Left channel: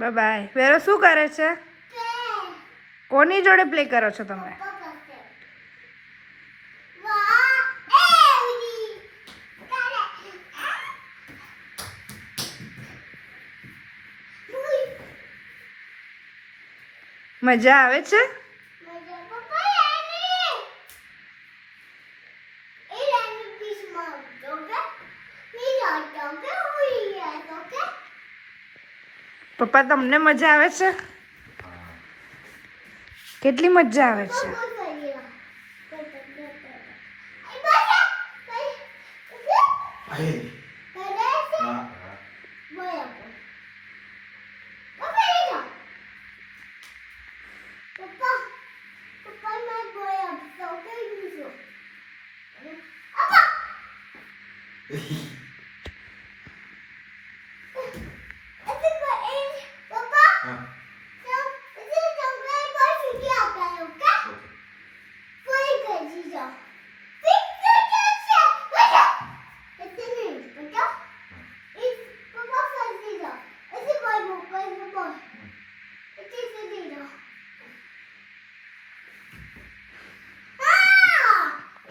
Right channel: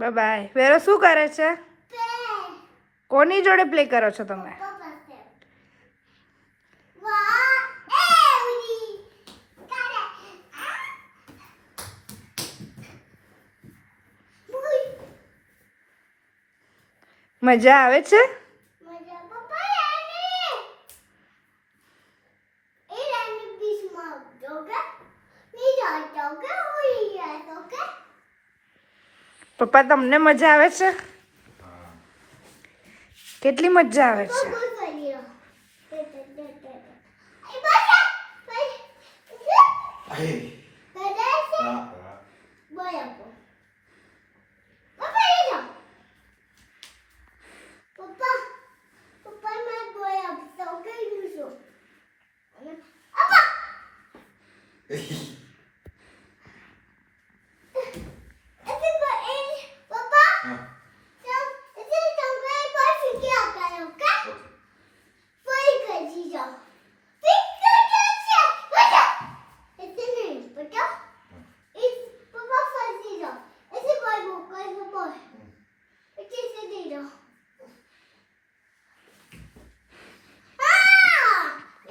Bye bye. વેરો શું કરે છે? કોની જોડે પ્લે કરો છો તમે? મજા આવે છે? પપ્પા તમને મજા આવે છે? કેટલી મજા આવે છે?